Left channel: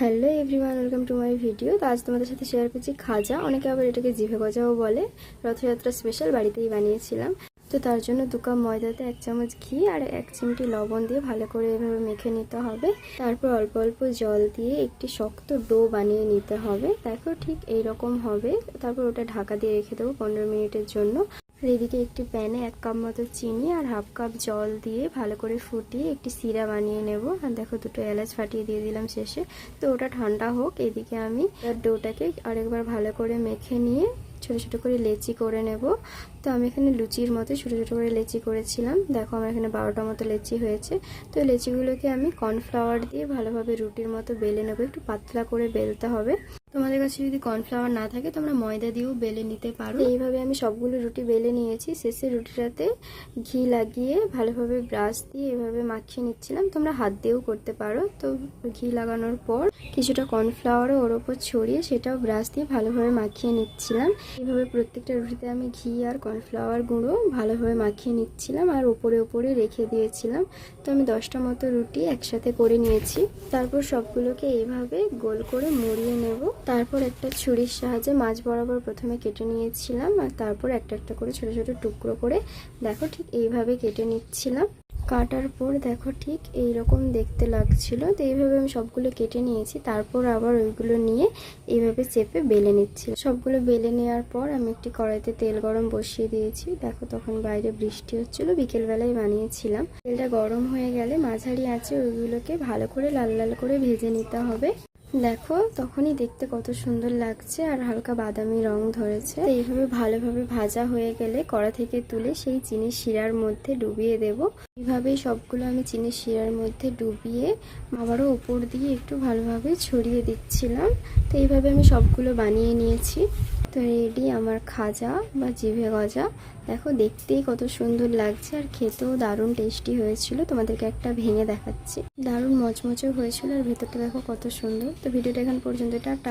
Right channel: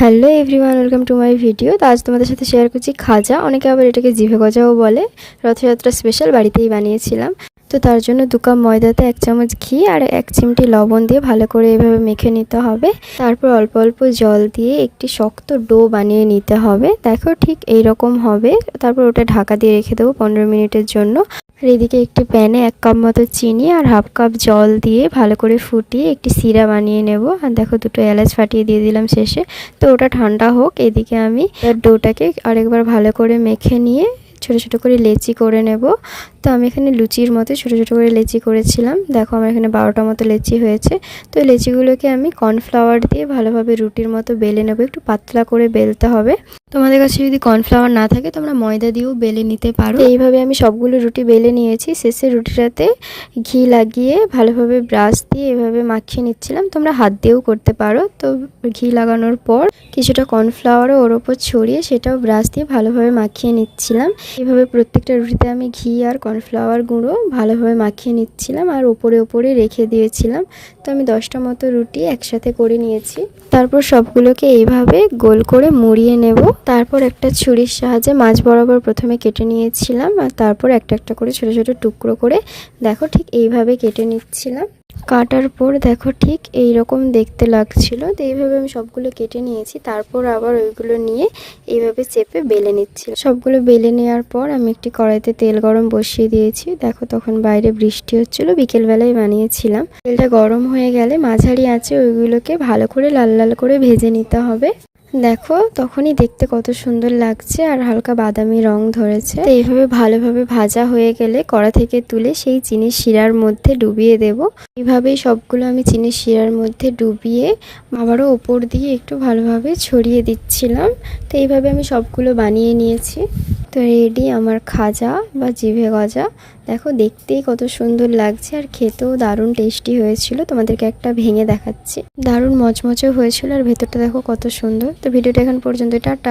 Hello everyone, welcome to my video. তো আজ তোমাদের সাথে শেয়ার করছি খাজা, অনেকে আবার এটাকে জিভে গজাও বলে। রথযাত্রা স্পেশাল বাড়িতেই বানিয়েছিলাম। তো তার জন্য 2 কাপ ময়দাতে 1 চামচ ঘি আর 1 চিমটি লবণ দিয়ে ভালো করে এভাবে মেখে নিতে হবে। তারপর অল্প অল্প জল দিয়ে একটি শক্ত ডো বানিয়ে নিতে হবে। দেখো ঠিক এই রকম হবে। তারপর ওটা ঢাকা দিয়ে রেখে দেবো 15 মিনিটের জন্য। আর এদিকে একটি প্যানে 1 কাপ মতো চিনি আর হাফ কাপ জল দিয়ে ভালো করে ফুটিয়ে একটি সিরা বানিয়ে নেব। আর দেখো 2টো এলাচ ফাটিয়ে দিয়ে দিলাম শেষে। তো ওটা ঠান্ডা হোক, এদিকে আমি ডোটাকে আরেকবার ভালো করে মেখে নিয়ে ছোট ছোট করে লেচি করে নেব। তো আমি এখানে লুচির মতো ছোট ছোট করে লেচি করেছিলাম। দেখো আমার এখানে 12টা মতো লেচি হয়েছে। তো লেচিগুলোকে আমি কর্নফ্লাওয়ার দিয়ে ভালোভাবে রুটির মতো বেলে নেব। একটু পাতলা করে বেলতে হবে। তোমাদের কাছে যদি কর্নফ্লাওয়ার না থাকে তোমরা ময়দা দিয়েও বেলে নিতে পারো। এইভাবে আমি সবগুলো রুটি বেলে নিয়েছি। শেষে রুটিটাতে ঘি লাগিয়ে ভালোভাবে ব্রাশ দিয়ে এভাবে মাখিয়ে নিচ্ছিলাম। তোমরা হাত দিয়েও করতে পারো। তো ঘি লাগানোর পর কিছুটা কর্নফ্লাওয়ারও ওর ওপর ছড়িয়ে সেটাও ব্রাশ দিয়ে ভালোভাবে মাখিয়ে নিচ্ছিলাম। এইভাবে প্রত্যেকটা রুটিতে আমি ঘি আর কর্নফ্লাওয়ার গুঁড়ো ভালোভাবে মাখিয়ে নিচ্ছিলাম আর ওপরে ওপরে রেখে দিয়েছিলাম। তো আমি 10টা মতো রুটি একসাথে করে নিয়েছি। তারপর সবগুলোকে এইভাবে গোল করে মুড়িয়ে নেব। তারপর একটা ছুরির সাহায্যে মাঝ বরাবর প্রথমে কেটে নিয়েছিলাম আর তারপর একটা একটা করে ছোট ছোট টুকরো করে দেখো ঠিক এইভাবে কেটে নিচ্ছিলাম। কাটার পর দেখো ঠিক এই রকম দেখতে লাগছিল। তো এইভাবে আমি সবগুলো কেটে নিয়েছি। তারপর আবার ওইগুলো নিয়ে এইভাবে চেপে বেলে নিচ্ছি। সবগুলো বেলে নেওয়ার পর আমি একটি কড়াইতে তেল গরম বসিয়ে দিয়েছি। দেখো তখন বাইরে বৃষ্টি হচ্ছিল, বিকেলবেলায় বানিয়েছিলাম। তেলটা গরম হয়ে গেলে মাঝারি আঁচে ওইগুলোকে ভালো করে লাল লাল করে ভেজে নিতে হবে। দেখো তখনই দেখতে কত সুন্দর লাগছে আর হালকা বাদামি রং ধরেছে। তো এইভাবে ভালোভাবে ভাজা হয়ে গেলে কড়া থেকে তুলে সেই চিনির শিরার মধ্যে ডুবিয়ে দেব। এইভাবেই সবগুলো আমি চিনির শিরার মধ্যে ডুবিয়ে আবারও ওপর দিয়ে একটু ভালোভাবে ছড়িয়ে দিচ্ছিলাম। তো এইভাবে আমি সবগুলো বানিয়ে নিয়েছি। তো রেডি আমার খাজা বা জিভে গজা। দেখো দেখতেই কত সুন্দর লাগছে আর খেতেও দারুণ টেস্টি হয়েছিল। তোমাদেরকে একটা ভেঙে দেখাচ্ছি। দারুণ মচমচে হয়েছিল আর ভেতরটা দেখো কত সুন্দর। তো ভিডিওটা এখন পর্যন্ত, টাটা।